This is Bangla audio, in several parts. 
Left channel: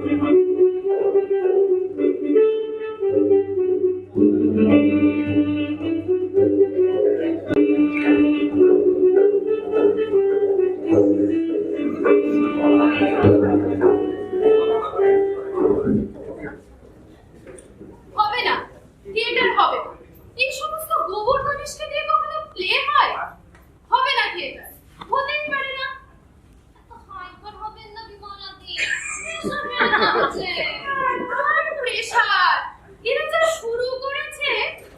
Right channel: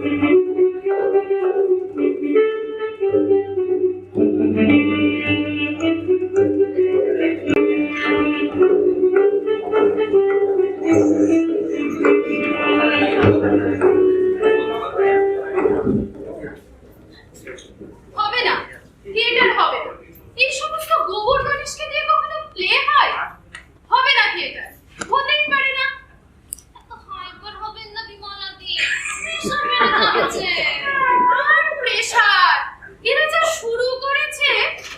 হবে না, থিয়েটার হবে না। এই সমস্ত গোবর গণেশকে দিয়ে কখনো প্লে হয়? হবে না থিয়েটার, হতেই পারে না। এত হাইপার হবেন না বিমলাদি, প্রেশার বেড়ে যাচ্ছে। আর প্রেশার, এরা যা শুরু করেছে।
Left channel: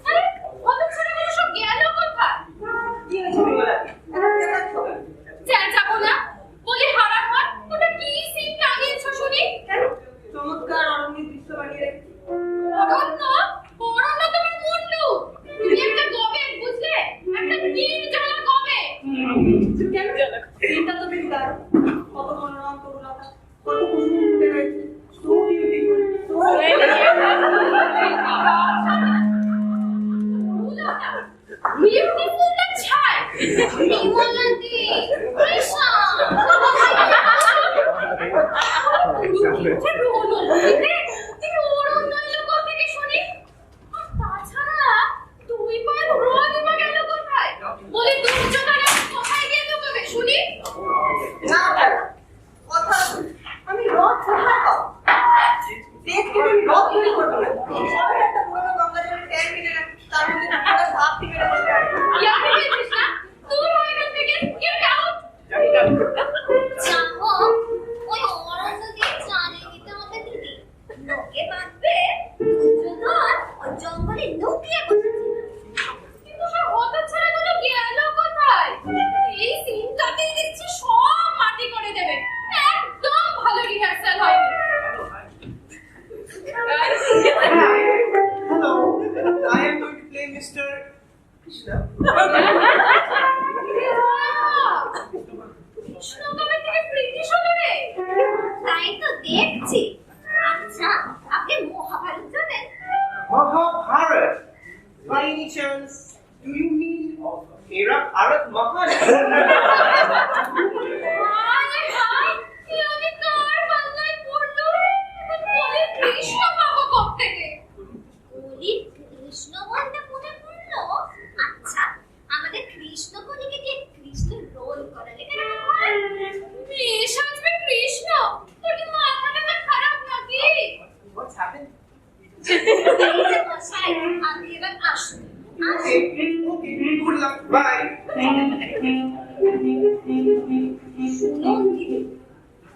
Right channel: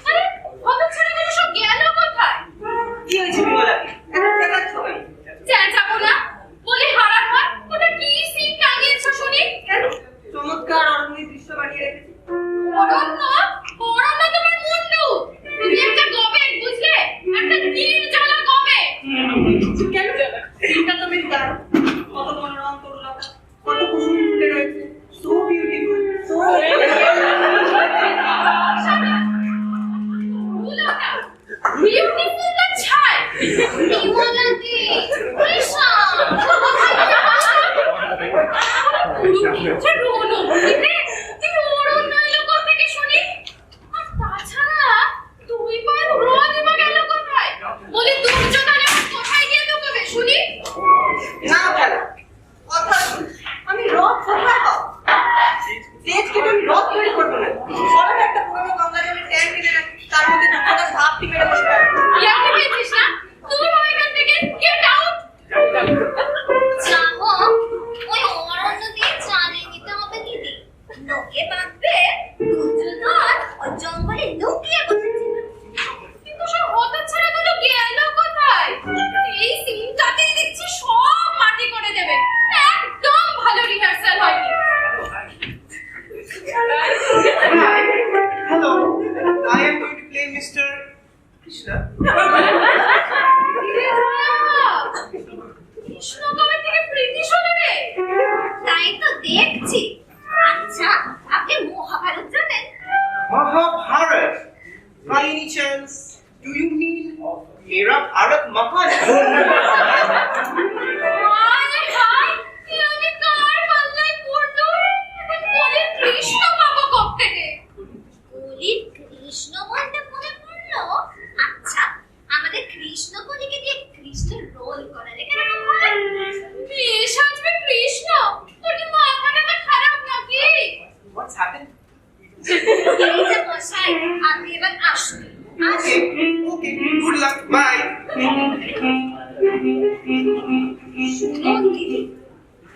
আরে হতচ্ছাড়াগুলো সব গেল কোথায়? কি হয়েছে বিমলাদি, এত চেঁচাচ্ছ কেন? চেঁচাবো না, বলি হারার হাত। ওটা কি সিন টাঙিয়েছ শুনি? কেন? চমৎকার অরণ্যের দৃশ্য বানিয়ে রেখেছি। অরণ্য? অরণ্য তোমার মুন্ডু। তুমি একটা গবেট, বুঝলে? একটা নির্জলা গবেট। কেন? সিনটা তো বেশ দারুণ। কত মনোরম তরুলতা, কত কুসুম ফুটে রয়েছে। সো বিউটিফুল, সো বিউটিফুল না ছাই? বিমলাদি, কৃষ্ণ। কুরুক্ষেত্রে রোল অনুভূতিতে এই অরণ্য এলো কোত্থেকে শুনি? আর তাছাড়া দুই পায়ের রোদ বা গেল কোথায়? বলি দুর্যোধন কোথায় গিয়ে লুকোবে শুনি? না খেলা কথা, আমি রথ কোথায় পাবো? স্টেজ কেটে আমি রথ তৈরি করবো না। সরল একটা পুরোনো গঙ্গা জলের ট্যাঙ্ক কিনে রাখি, তার মধ্যে দুটো ভাব মেরে বসে থাকবো। ইয়াকে পেয়েছিস না? দূর হয়ে এখান থেকে, গেট আউট। যাবো, ওই অরণ্য দিয়ে চালিয়ে নিতে হবে দিদি। লোকে ভাববে দুর্যোধন ওই জঙ্গলে লুকিয়ে বসেছিল। কিন্তু সব হতচ্ছাড়াগুলো গেল কোথায়? এই সিনটাতেই দেখছি সব মাটি করে দেবে। একদম ভালো রিহার্সাল হয়নি। Hello, I am going to play Mr. Krishna. Krishna কবে থেকে ব্রিটিশ হলো রে? তাই তো দেখছি। আচ্ছা, আপনি মহাভারত জানেন? Mahabharat. By any chance, do you mean Mera Bharat Mahan? হায় হায়, এ আমি কার পাল্লায় পড়লো? এখন বলে কৃষ্ণ পাবো কোত্থেকে? কলির কৃষ্ণ বলতে মনে পড়লো, আচ্ছা আমাদের কৃষ্ণ কলিকে দিয়ে কৃষ্ণের রোল করালে কেমন হয়? বেশ আসবে কৃষ্ণ। তোর কি মাথাটা তো খারাপ নাকি? What's happened? এই যে মশাই, আপনি এবার আসুন। Okay, okay. Good luck. Bye. শুনুন দিদি,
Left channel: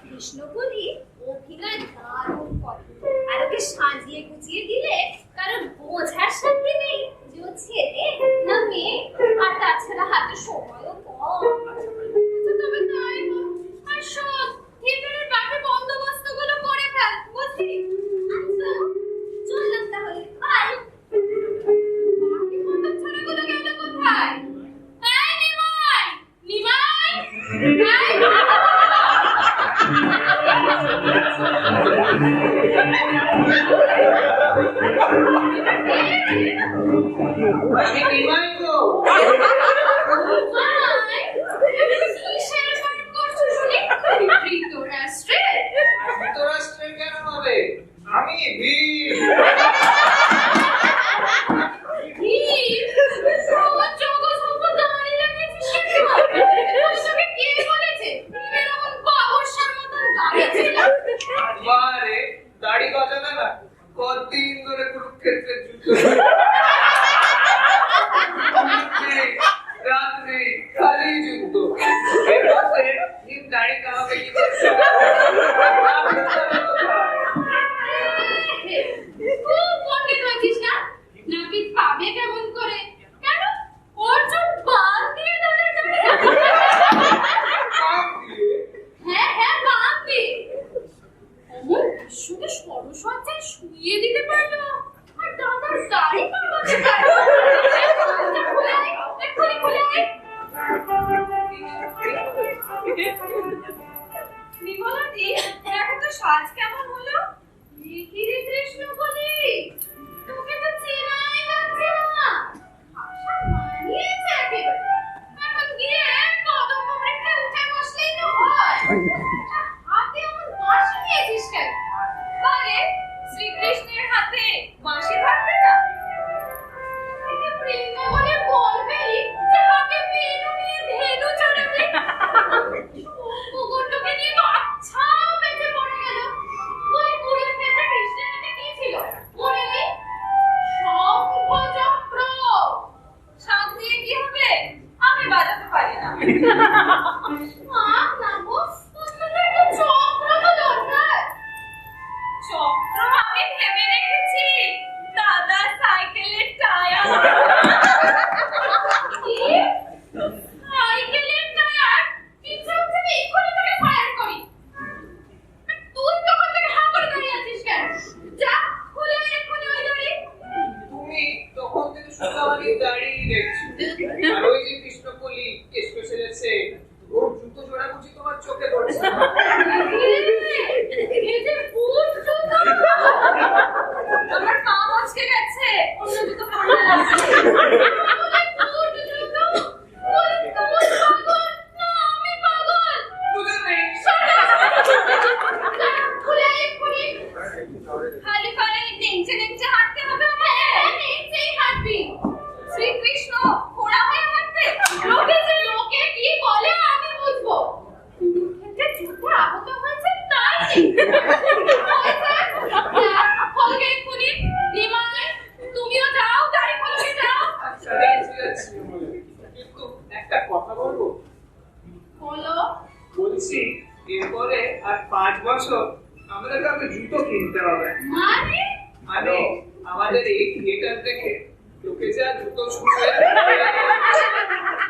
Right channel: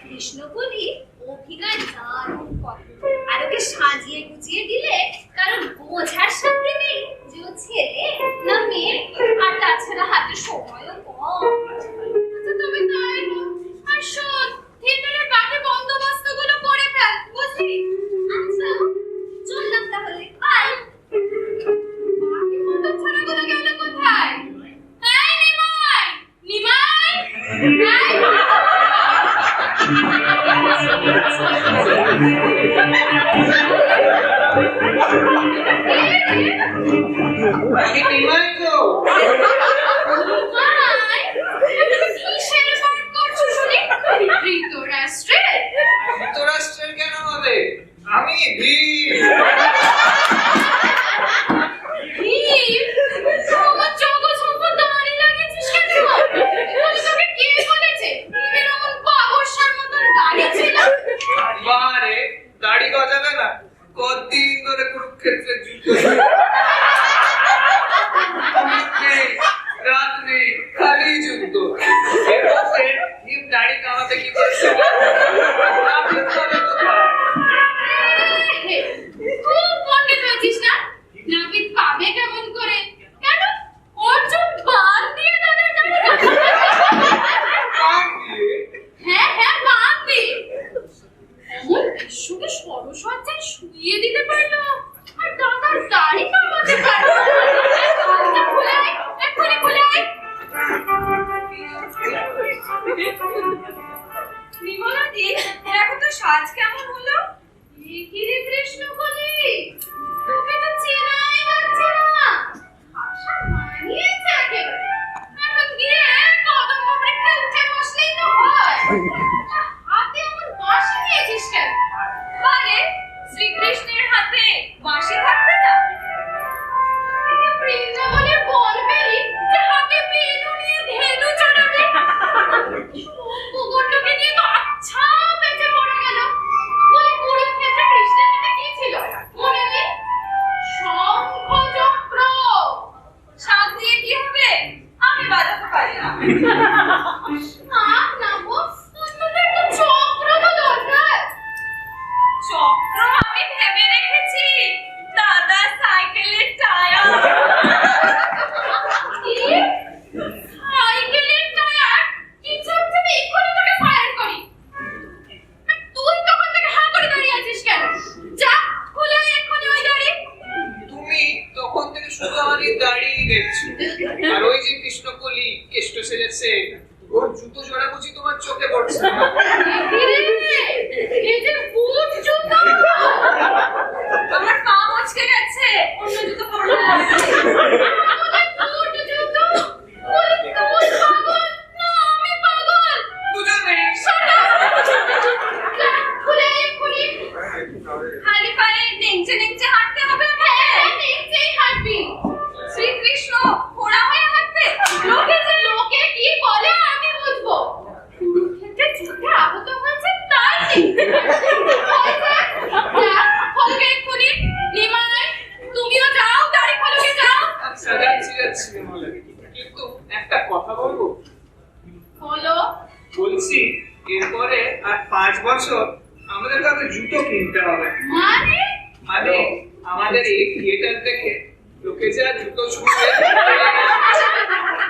কৃষ্ণকলি অভিনয় দারুণ করে। আর ওকে সাজিয়ে গুছিয়ে দিলে কারণ বোঝার সাথে নেই যে ও ছেলে না মেয়ে। আর তাছাড়া হাতে সময়ও কম। আচ্ছা তবে তাই হোক। আর শোন, থিয়েটারের বাকি বন্দোবস্তগুলো করে ফেল, বুঝলি? আচ্ছা, চললাম তাহলে, বাই। বাকি হতচ্ছাড়াগুলো গেল কোথায়? এই নিমাই! নিমাই! আগে নিমাই গো। নিমাই! কিসের পাঠ করছো শুনি? ধৃতরাষ্ট্রের? ধৃতরাষ্ট্রের কেন হবে? আমি ভীম। ভীম? আমার জগৎসম্প দাঁড়ি লাগিয়েছিস কেন? বলি তোকে কে বলেছে? ভীমের অমন বাবরসার মতন দাড়ি ছিল? বারে দাড়ি গজাবে না? কতদিন ধরে কুরুক্ষেত্রের যুদ্ধ। নেই, রাত নেই, খালি যুদ্ধ। এর মধ্যে ভীম দাড়ি কামাতে কি করছে? আপনি তবে কোথায়? খুব পণ্ডিত হয়েছিস না? নাপিত পাবে কেমন করে? কেন? অর্জুন বান দিয়ে তাদের দাড়ি কাটবে। কান দিয়ে? হ্যাঁ হ্যাঁ, বান দিয়ে। অমন বিশ্বকে সরসজ্জায় শুইয়ে দিতে পারলো, আর দাদার দাড়ি কামাতে পারলো। খুলে আয়, এক্ষুনি খুলে আয়। বিমলাদি, দেখো তো সাজ কেমন হলো? কি রে কৃষ্ণকলি, তোকে তো চেনাই যাচ্ছে না। ভাষা মানিয়েছে একেবারে। এখন গিয়ে কদম্ব বৃক্ষে উঠে বসলেই তো হয়। হাতে এমন বাঁশি নিয়েছিস কেন? দেখছি। আর ওই যে কৃষ্ণকলি কেষ্ট সেজেছে, ওর জুতো জোড়া বুঝি তোমার চোখে পড়ছে না? এই যে বুট জুতো, আমার পা মচকে গেছে, অন্য জুতো পরলাম। আমাদের বুট জুতো, ওই তুই পাগল না আমি পাগল? দুজনেই। খুলে খুলে খালি পায়ে নেংচে নেংচে হাঁটতে হবে আমাকে। হ্যাঁ, নেচেই হাঁটবি। শ্রীকৃষ্ণ ঘোড়া হয়ে হাঁটবে। লোকে কি বলে আমি বুঝবো। কুরুক্ষেত্রে যুদ্ধে আহত হয়েছে তাই খলকে এক্ষুনি। নিমাই, তুমিও যাও, গাড়ি খলকে যাও। আচ্ছা, যাচ্ছি যাচ্ছি। কিন্তু একটা কথা বলবো? বলো। বলছি এরপরে আর 5 বছর আমাদের কাছে জুতো কিনতে হবে। মানে মানে আমাদের এই থিয়েটার দেখে লোকে যা জুতো ছুঁড়বে।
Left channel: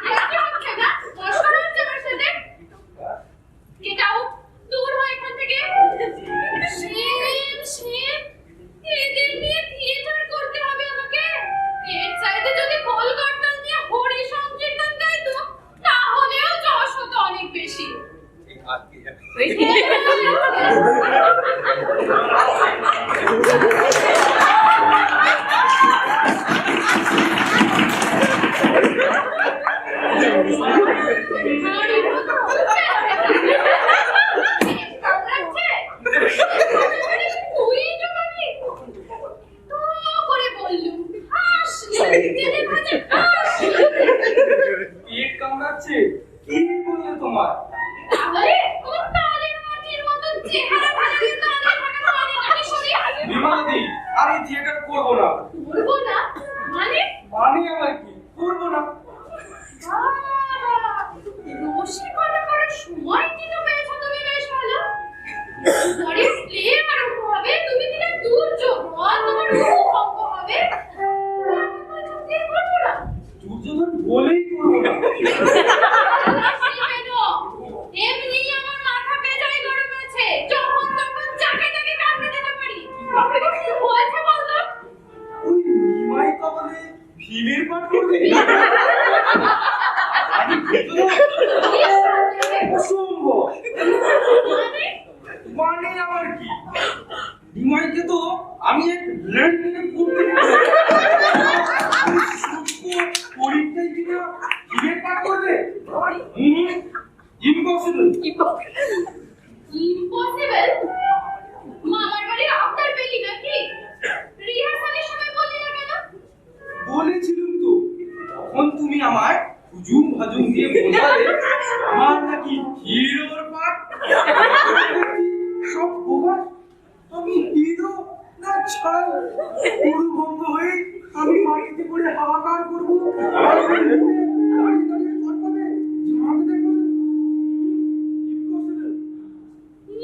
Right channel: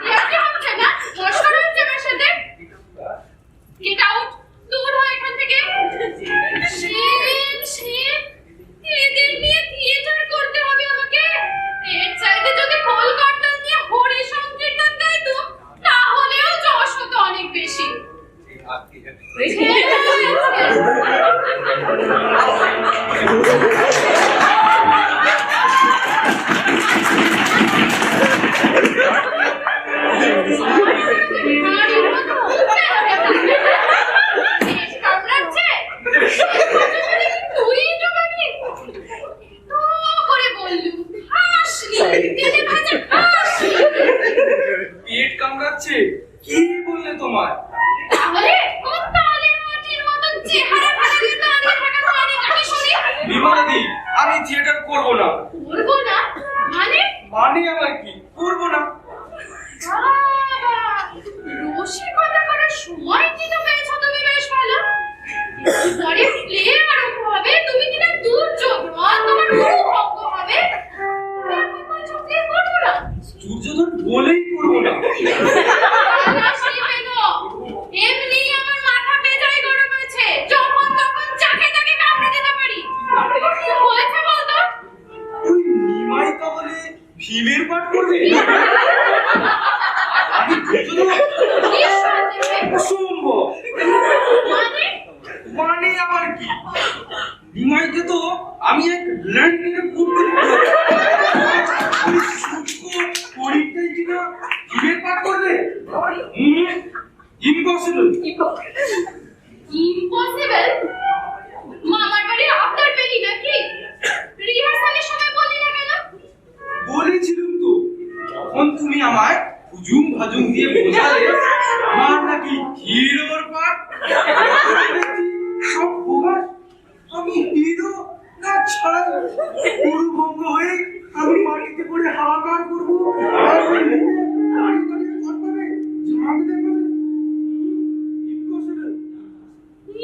ইয়ার্কি হচ্ছে না? মশকরা হচ্ছে আমার সাথে? গেট আউট, দূর হও এখান থেকে। শিব, এদের নিয়ে থিয়েটার করতে হবে আমাকে। এর চাইতে যদি কলকাতা নিয়ে হরি সংকীর্তন গাইতো তাহলেও যশ হতো অনেক বেশি। পেট কামড়াচ্ছে? কি বললে তোমার? বিমলাদি, আমি থিয়েটার করবো না। মানে আবার কি? করবো না। রসিকতা করার সময় কিন্তু পেয়েছো তুমি, বেশ ভালো। একটু পরে প্লে আরম্ভ হবে, তুমি কিনা দুর্যোগ নয়, তোমার ভঙ্গ হবে। এখন বলছো প্লে করবো না? দুর্যোধন বলেই করবো না। এমনি আমার মাথা বেজায় গরম আছে, যখন তখন যাকে তাকে কামড়ে দিতে পারি। কি হয়েছে বলতো? ওই নিমাই তাহলে ভীমের পাঠ করবে? আমি দুর্যোধন? কি সন্দেহে? অসম্ভব। মানে মানে আবার কি? নিমাইকে তো আমি এক ল্যান্ডিনে করতে পরীক্ষায় কিনা ভীমের পাঠ করবে? ইম্পসিবল। ইম্পসিবল? মামার বাড়ির আবদার পেলি নাকি? রিহার্সালের সময় বললি না কেন? বলেছিলাম তো, তখন তুমি আমায় হুজুম ভাজুম দিয়ে বোঝালে আমার নাকি হিরোর পাঠ। সব বোঝা আমি হিরো না ছাই? পুরুভঙ্গ হয়ে আমি মাটিতে পড়ে হাহাকার করবো, আর ওই মেয়ে দাঁড়িয়ে দাঁড়িয়ে করবে, ঝাঁক দেখাবে। ইম্পসিবল।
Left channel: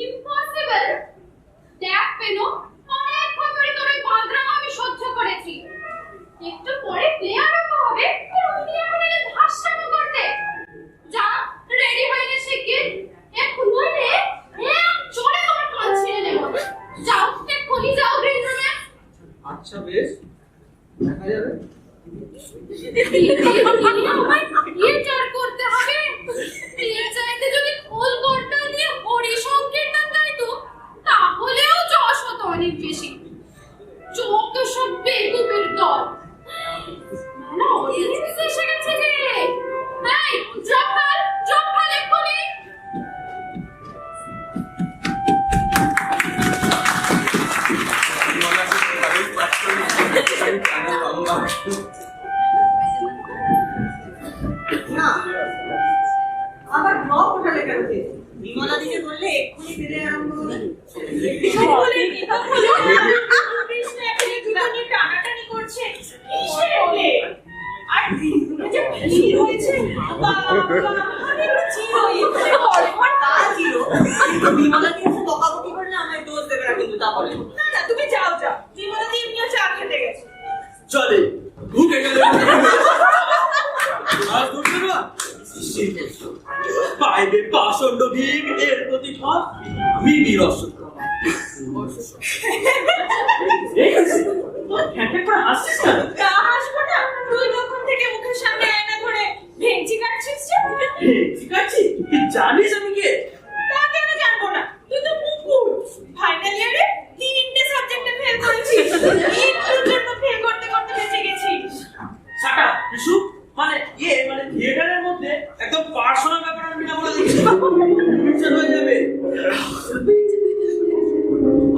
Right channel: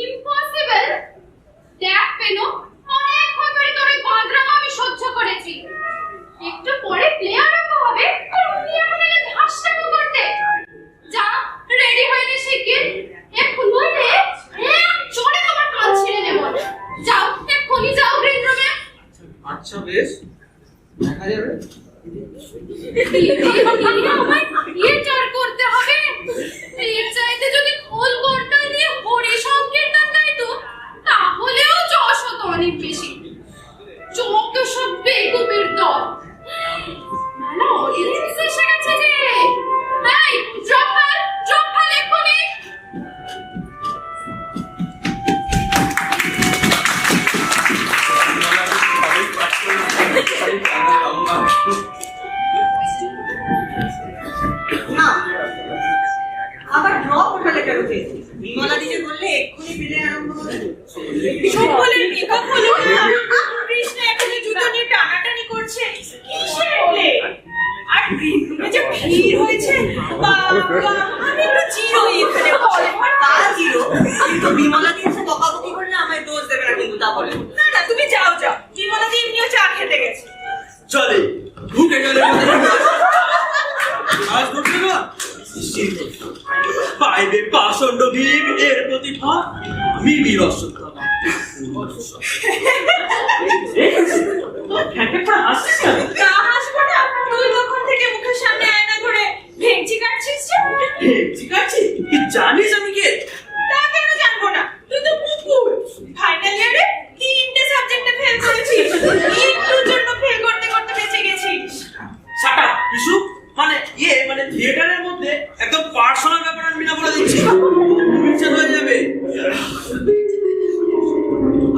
ইম্পসিবল? দেখ পেনো, অনেকক্ষণ ধরে তোর এই বাঁদরামো আমি সহ্য করেছি। একটু পরে প্লে আরম্ভ হবে, আর উনি এখন এলে ধাসটাকো করতে। যা, রেডি হয়ে নে শিগগির। এখন নইলে এক চড়ে তোমার কান ছিঁড়ে নেব। যাও, এক্ষুনি যাও গ্রিন রুমে। আচ্ছা বেশ, দেখা যাবে। আমায় থিয়েটার করতে হবে। এর চাইতে যদি খোল করতাল নিয়ে হরি সংকীর্তন গাইতো তাহলেও যশ হতো অনেক বেশি। যত সব বেকুবের দল। মেলা অডিয়েন্স এসে গেছে যে। এই, ড্রপ ফাল এক্ষুনি। না, আবার ড্রপ ওঠালে কেন চেয়েছি? বিমলা দিদি বললে এক্ষুনি প্লে আরম্ভ হবে। সকলের মেকআপ হলো না। কৃষ্ণ এখনো জুতো নিয়ে টানাটানি করছে। কিসের প্লে? আর গ্রিন রুমে যে ভিড় হয়েছে, বাবা, আমি তো চিরই এখানে বসে। তা ছিল, কিন্তু বিমলা দিয়ে এসে বকাবকি করলে আমায় দোষ দেবে না কিন্তু, তা বলে। না না, তুমি যাও। বিমলা দি এমনিও চা খেতে গেছে। চলে ঢুকে গেলে আজ ঢুকবে না। পাইবে পাষণ্ড ভীম এর প্রতিভা, আমি বীরস্বত্তমা। তা হাসবো না? তুই তখন থেকে মুখের জানিস আমি কে? তা কেন জানবো না? তুই তো মুকুল। ফাইনাল ইয়ারে 3টে সাবজেক্টে ফেল করেছিস। একটুর জন্য ফেল করতে করতে বেঁচে গেছিস। শাট আপ বিশু, মানে থিয়েটারের মধ্যে একদম পার্সোনাল ব্যাপার আমি না বলে দিচ্ছি, মিক্সচার হয়ে যাবে।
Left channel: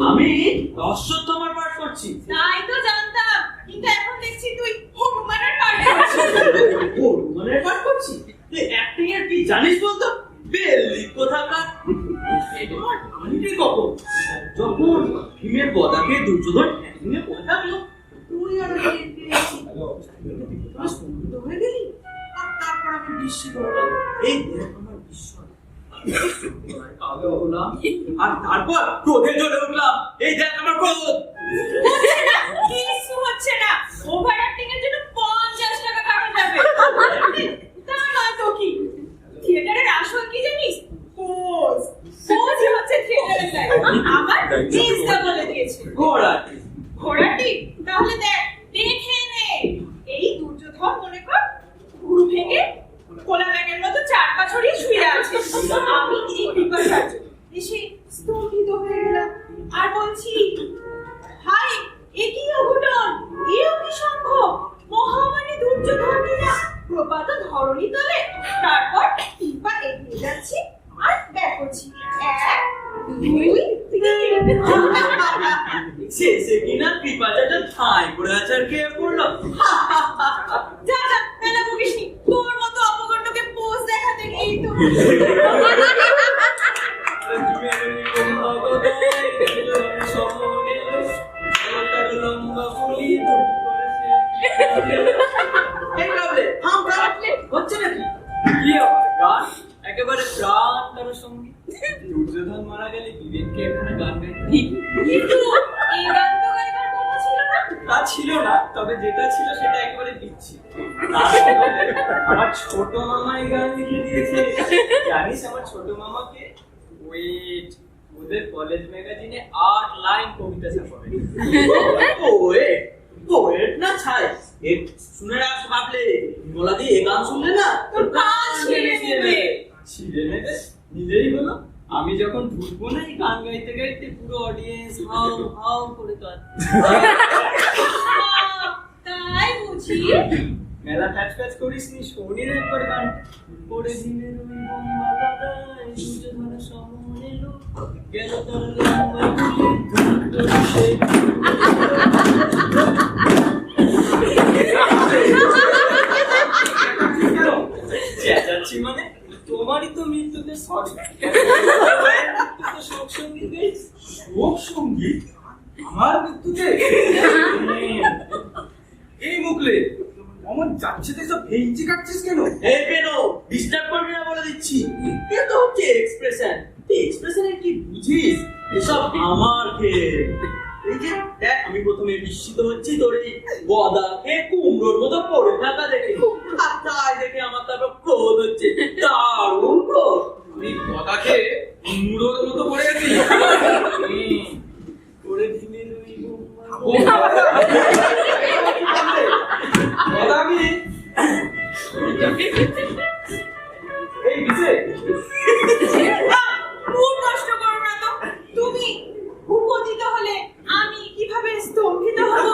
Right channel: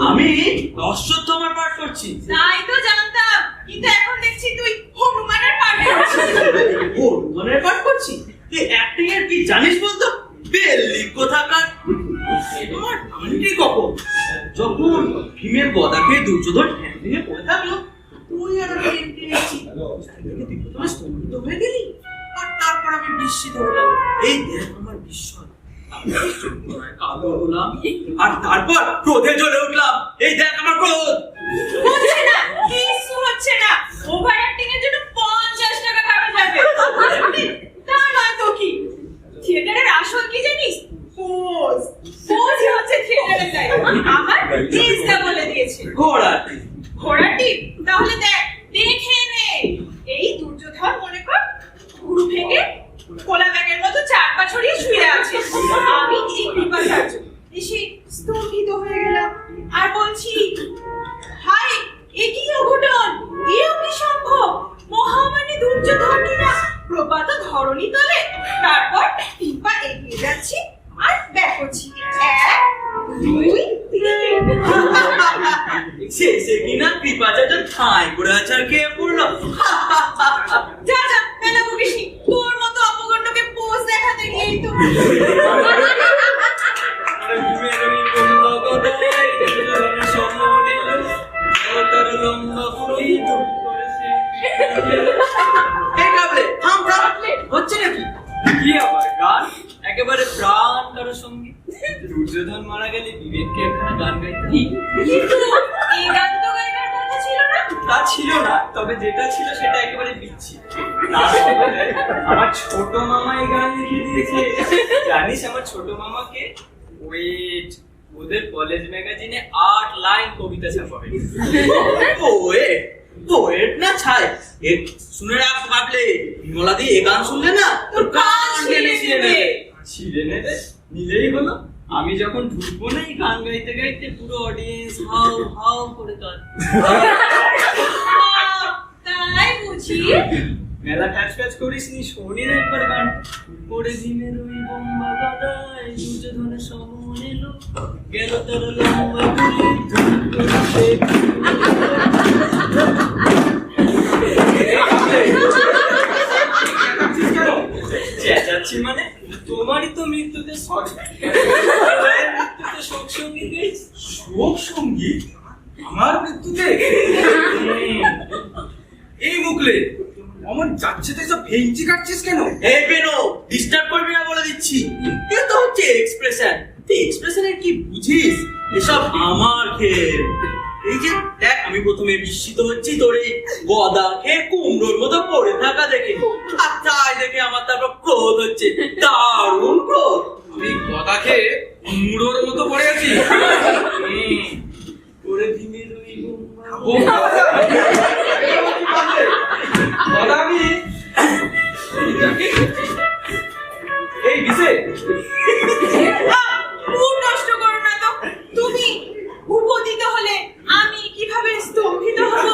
আমি অশ্বত্থামার পাঠ করছি। তাই তো জানতাম, কিন্তু এখন দেখছি তুই হনুমানের পাঠ করছিস। হনুমানের পাঠ করছি? তুই অ্যাক্টিং এর কি জানিস বলতো? বেল্লি কোথাকার। আমার আন্টি কখন যখন ভীমের গদাকে দুর্যোধন ঠ্যাং ভেঙে পড়ে থাকলো, তুই আর আমি এন্ট্রি নিয়েছি। তুই স্তম্ভিত হয়ে গেলি, আর তারপর আমি বিস্মিত হলাম। এই দেখ আমার বিস্ময়। কালো হলাম, আর তারপর ক্রোধে জ্বলে উঠলাম। এই দেখ আমার ক্রোধ। হচ্ছে না, কিছু হচ্ছে না। ওভার অ্যাক্টিং এর জন্য 50 টাকা কাটা যাবে। তা নয় তো কি? থিয়েটারের আসল কি জানিস? পোজ। পোজই হচ্ছে থিয়েটারের লাইফ। আমার জিসটা বলে দিয়েছে। ঘোড়াটি। ঘোড়াটি? তাহলে দেখ, দেখে নে। এই দুর্যোধন মনে কর গুরু ভেঙে কোলা ব্যাগের মতো 4 পা ছড়িয়ে শুয়ে আছে। আমি এই কৃপাচার্য এসে স্তম্ভিত হয়ে গেলাম আর বলছি, হাই, এ কি অঘটন, এও কি সম্ভব? মহামানী দুর্যোধন কিনা প্রপাত ধরণী তলে। তারপর 3 পা এগিয়ে যাচ্ছি আর ব্যাক করছি। 1, 2, 3। শেষে কিনা কৃপাচার্য ঠাঁই করে আছে আর কে পড়লো। যা যা, মেলা বকিসনি। তোর মতো অপগণ্ডকে পোজ দেখাতে গিয়েই তো। হচ্ছে নাকি? কি আবার গান? একেবারে প্রাণ কারো সঙ্গীত। দুর্যোধন মারা গেলে বিবেককে একখানা গান গাইতে হবে। কিন্তু এই গান তো গাইবার কথা ছিল না। তা ছিল না, তবে যেটা ছিল সেটা একেবারে বিচ্ছি। আমার ছোট মামা এই গান লিখে দিয়েছে। জানিস আমার ছোট মামাকে? ওয়েট, ওদের কলেজ ম্যাগাজিনে 8 লাইন কবিতা ছাপাবে। পোয়েট না ছাই। শুনে রাখ ভাবলে, বিমলা দি এই গান শুনলে না তোর কান ছিঁড়ে নেবে। ছিঁড়ে নেবে? নিলেই হলো। আমি যখন ঢুকবো না এই গান গাইতে গাইতে, পুরো অডিয়েন্স হাউ হাউ করে কাঁদবে। তাই বুঝি? মেলা প্যাচ প্যাচ করিস নি, শোনি না একবার গান। পড়ে ভীমের ওই বোম্বা গদায় দুর্যোধনের সমন এলো, গেল তার লম্বা গুলি ধুম করে সে। চেঁচাচ্ছি মানে? তোমারই তো মৃত্যুতে মৃত্যুতে শোক সঙ্গীত গাইছি। শোক সঙ্গীত? আমার মৃত্যুতে? এই মুখলে আমার যাচ্ছে তো সব ভেঞ্চি কাটছিস কেন? এই বেনো, ডিস্টার্ব করবি না বলে দিচ্ছি। এটা তো হচ্ছে এক্সপ্রেশন। তুই এক্সপ্রেশনের কি বুঝিস? এসব আমার খেল। এই যে দেখ, আমি প্রথমে বিস্মিত হচ্ছি তোর এই গদা খেয়ে কুমড়োর মতো পড়ে থাকা দেখে, আর তাই দেখে আমার তারপর ক্রোধ হচ্ছে, দারুণ ক্রোধ। আমি গদা খেয়ে কুমড়োর মতো পড়ে আছি। করে ভীমের ওই এই বিশে মুড নষ্ট করো না তো। তুমি উপদিত হলে আমি কিভাবে স্তম্ভিত হব?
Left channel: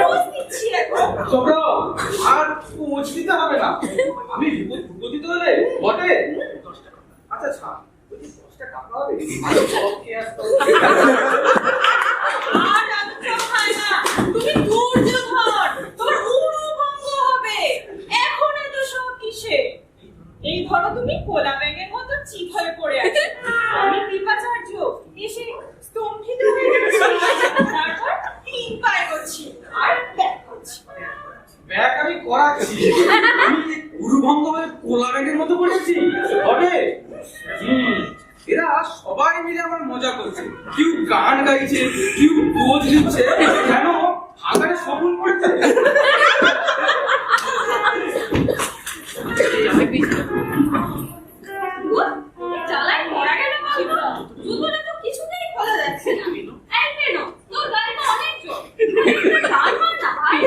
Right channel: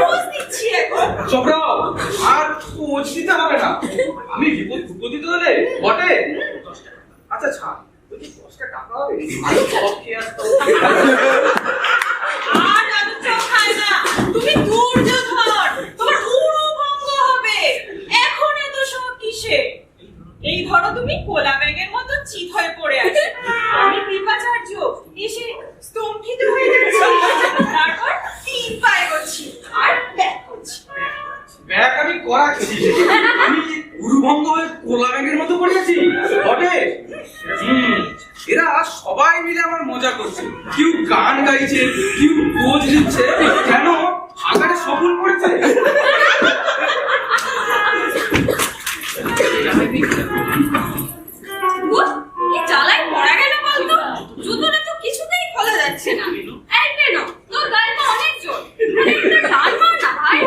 পোজ দিচ্ছি এখন। চোপড়া, আর পোজ দিতে হবে না। আমি বিপদিত হলে বটে। আচ্ছা ছাড়, ওই যে 10টা টাকা হবে, আমি সব খেয়ে আসতাম। আর আলু চপ খায় না। তুমি দুর্যোধন, তোমার উড়ু ভঙ্গ হবে। এখন এত শখ কিসে? এই ধরো তুমি কোলা ব্যাগের মতো চিত হয়ে পড়ে আছো। আমি কৃপাচার্য এসে স্তম্ভিত হয়ে যাচ্ছি, তারপর 3 পায়ে করছি আর ব্যাক করছি। ব্যাগ আমি করাচ্ছি। আমি গুরুভঙ্গ হয়ে কোলা ব্যাগের মতো পড়েছি বটে। এরা সবাই মিলে আমার মজা করছে। কেউ গান গাইছে, কেউ পোজ দিচ্ছে, কেন আগারে সফল পড়েছে। কি জ্বালায় মরা গেল বলতো? জুতোটা তো কিছুতেই খোলা যাচ্ছে না। এই পেনো, তোর গায়ে তো অনেক জোর। একটা টান মার না ভাই।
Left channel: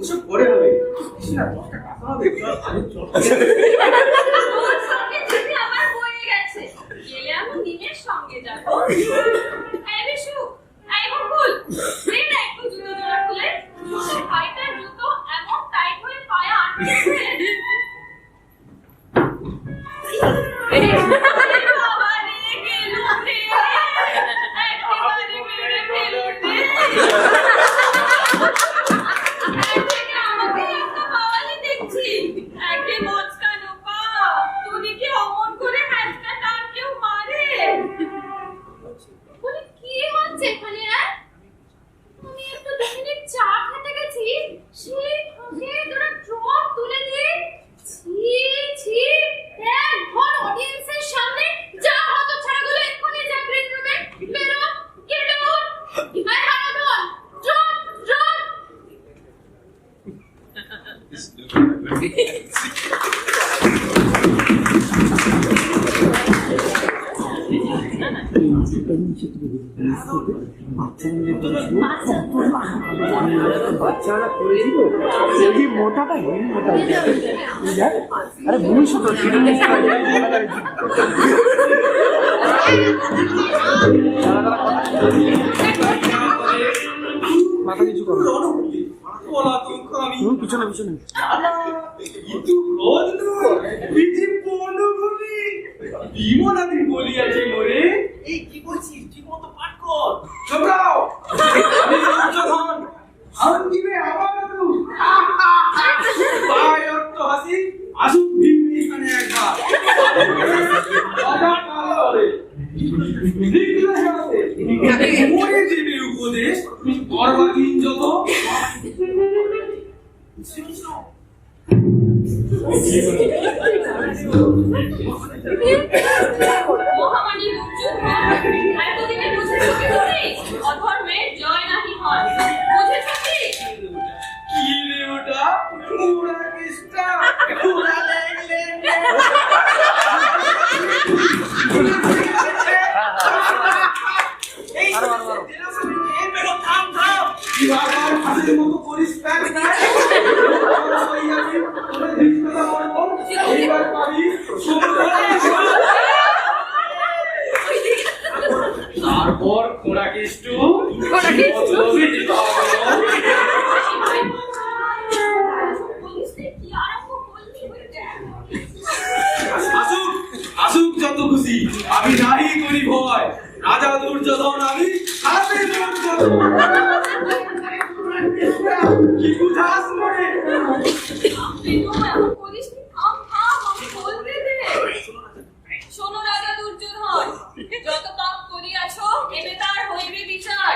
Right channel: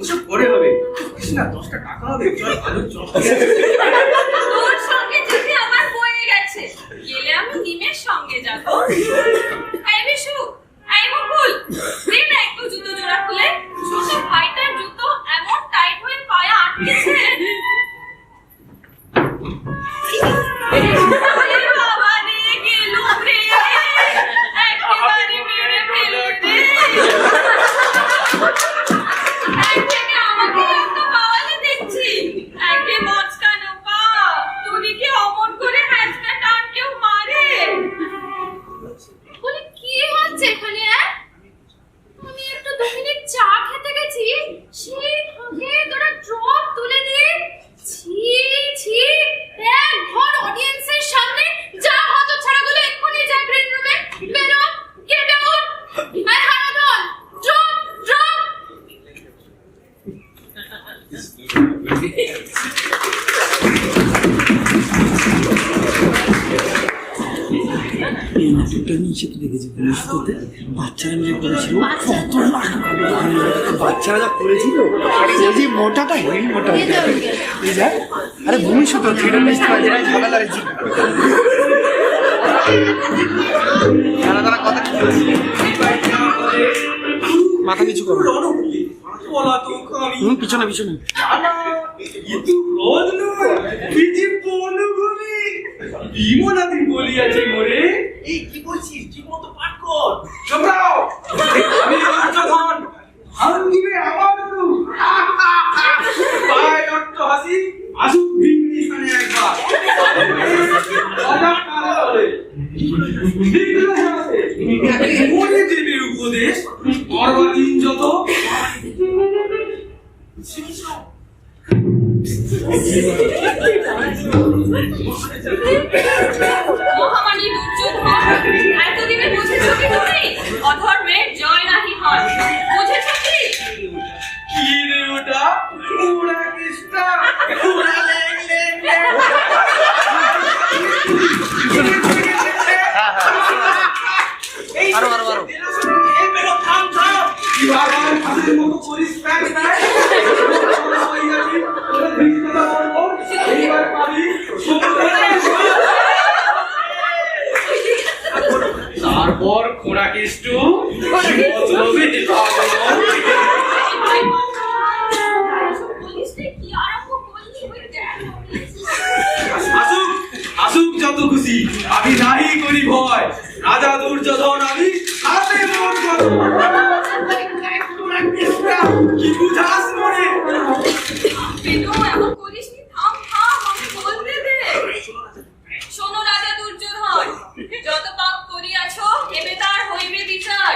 ওসব পরে হবে। কৃষ্ণা, 10টা টাকা হবে, চল আলুর চপ। তোর সঙ্গে যদি হচ্ছে এখানে? আমি একটু দক্ষিণের চা খেতে গেছি, সেই ফাঁকে তোরা ড্রপ তুলে দিয়ে ছি ছি, এক ঘর অডিয়েন্সের সামনে যা হতো ছাড়াগুলো এক্ষুনি যা গ্রিন রুমে বেরো, get out. I Haradhan, drop drop. এই নাটকটা নিচে তো দেখেছি পুলিশতে বাচ্চারা মিলে করেছিল, কত লাখ বাচ্চারা যা করেছিল, এই যে মোটাটা হেভি মোটা, এই যা আরে বলিস তো থিয়েটার ভালো লাগছে। মাথা নিচু করো, পিছনে পিছনে বিমলাদি বলিয়াছে মোরে। এই কি বলছিস, ঠিক মতো পাঠ কর। চোপড়াও, আমি দুর্যোধন, হান দিবে আমার তু। পাইলট তো হাসি, আসুক ভিন্ন এখানে একবার। অজানা কালে ঠিকলো আছে, মোরে দেবে উপদেশ, বরবাদিন যত। মহামানী দুর্যোধন, এতদিনে বুঝেছ কি তুমি? অধর্মের জয় নাহি হয়, বুঝেছ কি? কি রে ওটা? পুরা কৃষ্ণা, পুরা লেং লেং লেং। এই এই বেরো, থাম থাম। কি বাবার হাতের মতো করিস প্যাক নাই? এইবার পারি তারপর খোঁড়া কেষ্টু আসুক আসুক যত খুশি, আমি নাহি করি ভয়। রাজা দুর্যোধন আমি, হাতে মোট কত। কি বুঝাস মনে? বেনু, এমন করিসনি, থাম থাম, আমি বলতে দে। শোনো রাজা দুর্যোধন, যত পাপ করিয়াছ এবে তার হইবে বিচার।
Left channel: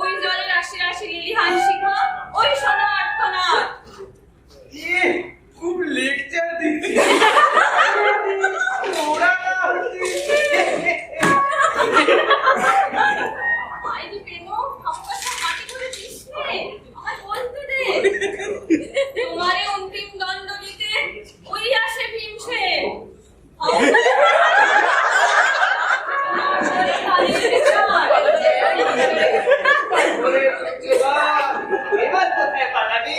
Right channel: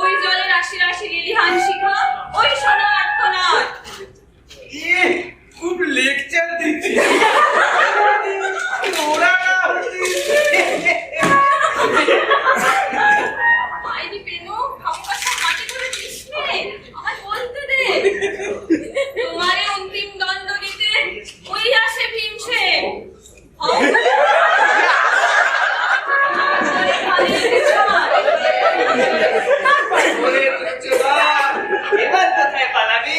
ওই জলে রাশি রাশি লিলিহান শিখা, ওই সোনা আর্তনাদ। খুব লেকচার দিচ্ছি। ওরা না মাইরি বেনু, খামকাশা মাটি করে দিস নে, আমায় বলতে দে। তোমারে অন্তিম দণ্ড দিতে ওই আসে ভীমসেন। এবার কোথায় পালাবি?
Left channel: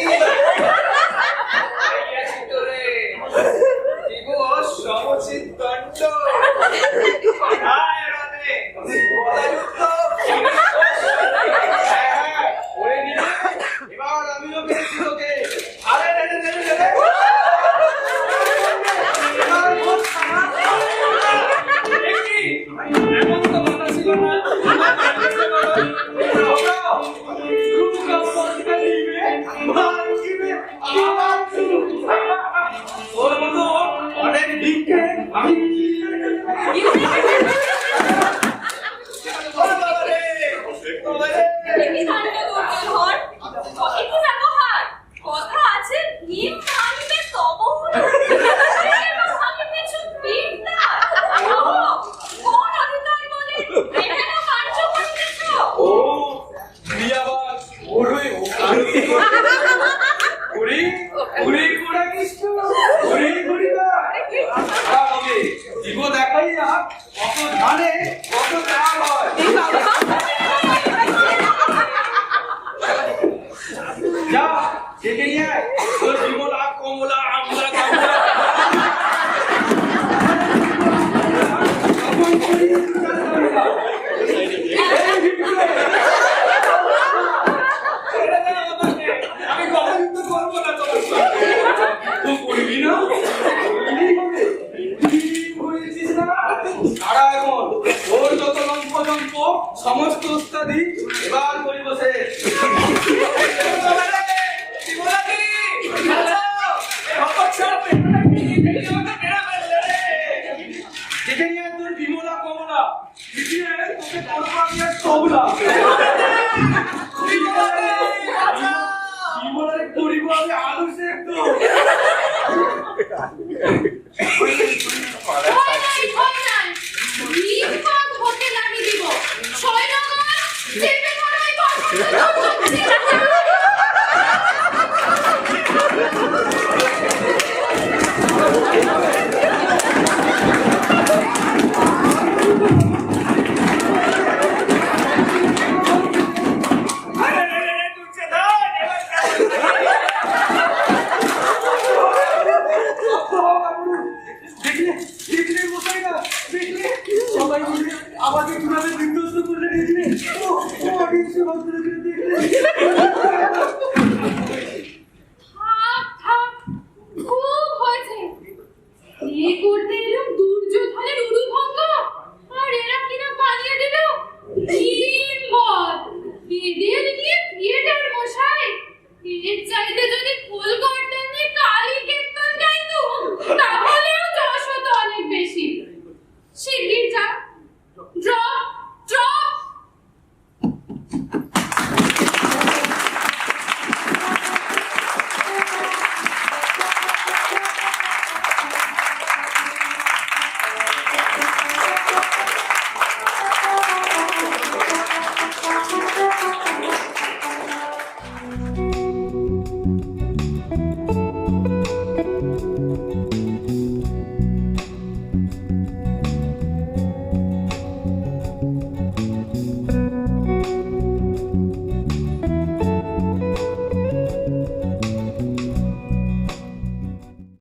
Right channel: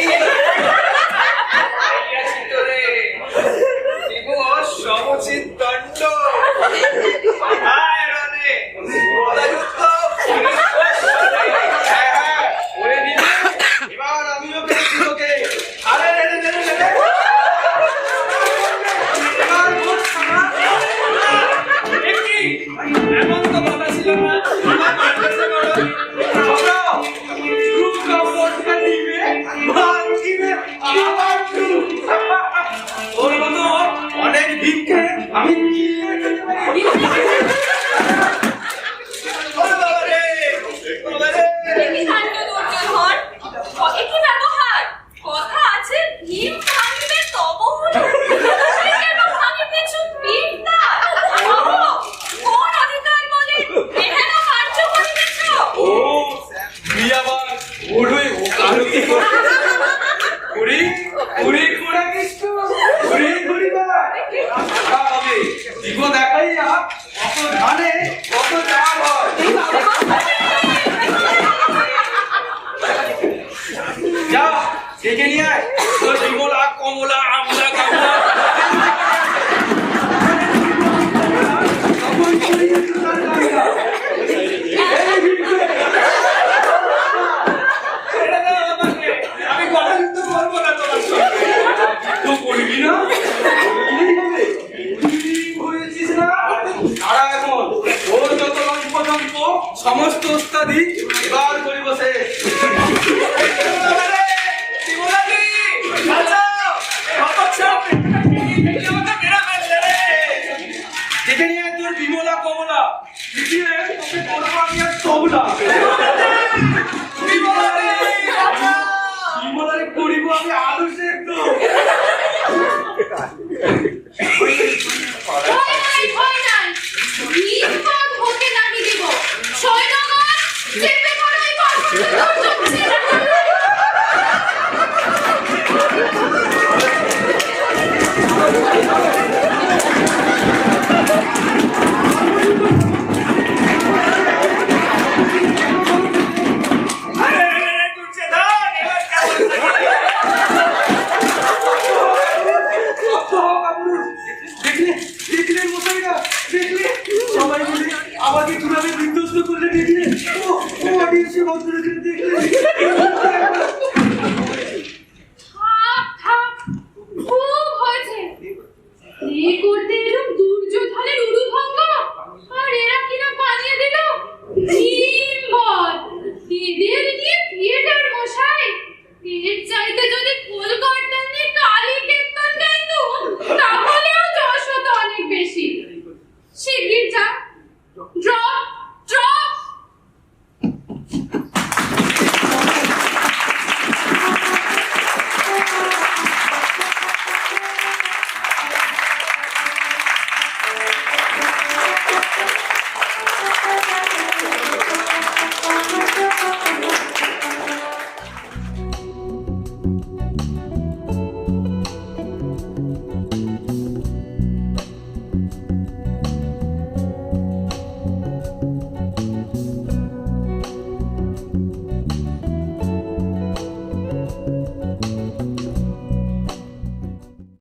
আইয়াছি তোরে, দিব সমুচিত দণ্ড। আয় রণে, গদাযুদ্ধ, হ্যাঁ, ওরে নিবে। এবার আমিও পেয়েছি তোকে। আরে রে রে রে রে রে। এবার বল সামা। এ কি? এমন তো কথা ছিল না। আমার মারতে বড় ঘবরাও। রূপ কাপড়টা নিবে, ভাঙিবে আবার তু। তোর মতো অনেক ভীমকে আমি কিলে খেতে পারি। ওরে বাবা রে, বাবা রে। কি কাণ্ড দুর্যোধন, একই ব্যবহার। কথা আছে ভীম ভাঙিবে তবহু না। তুমি কেন ভাঙিতেছ ভীমটা? কোন অধিকার বলে এহেন কার্য করিতেছ? ও তুই আবার ওরে ও কারুতি ওরে ওরে কোড়া কৃষ্ণ ওরে করিবা হবে দিব দেখাইয়া কত ধানে কত চাল হয়। যা ডেকে নিয়ে আয় তোর বিমলা কমলা আমলা কামলা। আমি কথা কিন্তু করবো না তোমার সঙ্গে। তো করবি না? করলেই হবে। তুই হয়েছিস না? তারা এখন ওর যত লম্প সমস্ত ওস্তাদি এবার করিব শেষ। দেখে নিয়ে তোর বিমলা কমলা তোকে করবো আমি আর তবলা। আমি আলু সেদ্ধ। ভয় নাই, ভয় নাই। নির্বাক হতে নামি দিব। সৈন্যগণ, চেপে ধরো এই পাথরটা দুর্যোগকে। দেখলে দেখলে মশাইরা, দেখলে সবাই মিলে আমাকে কিভাবে বিধ্বস্ত করলে, দেখলে ও অডিয়েন্সে ভক্তরা দেখলে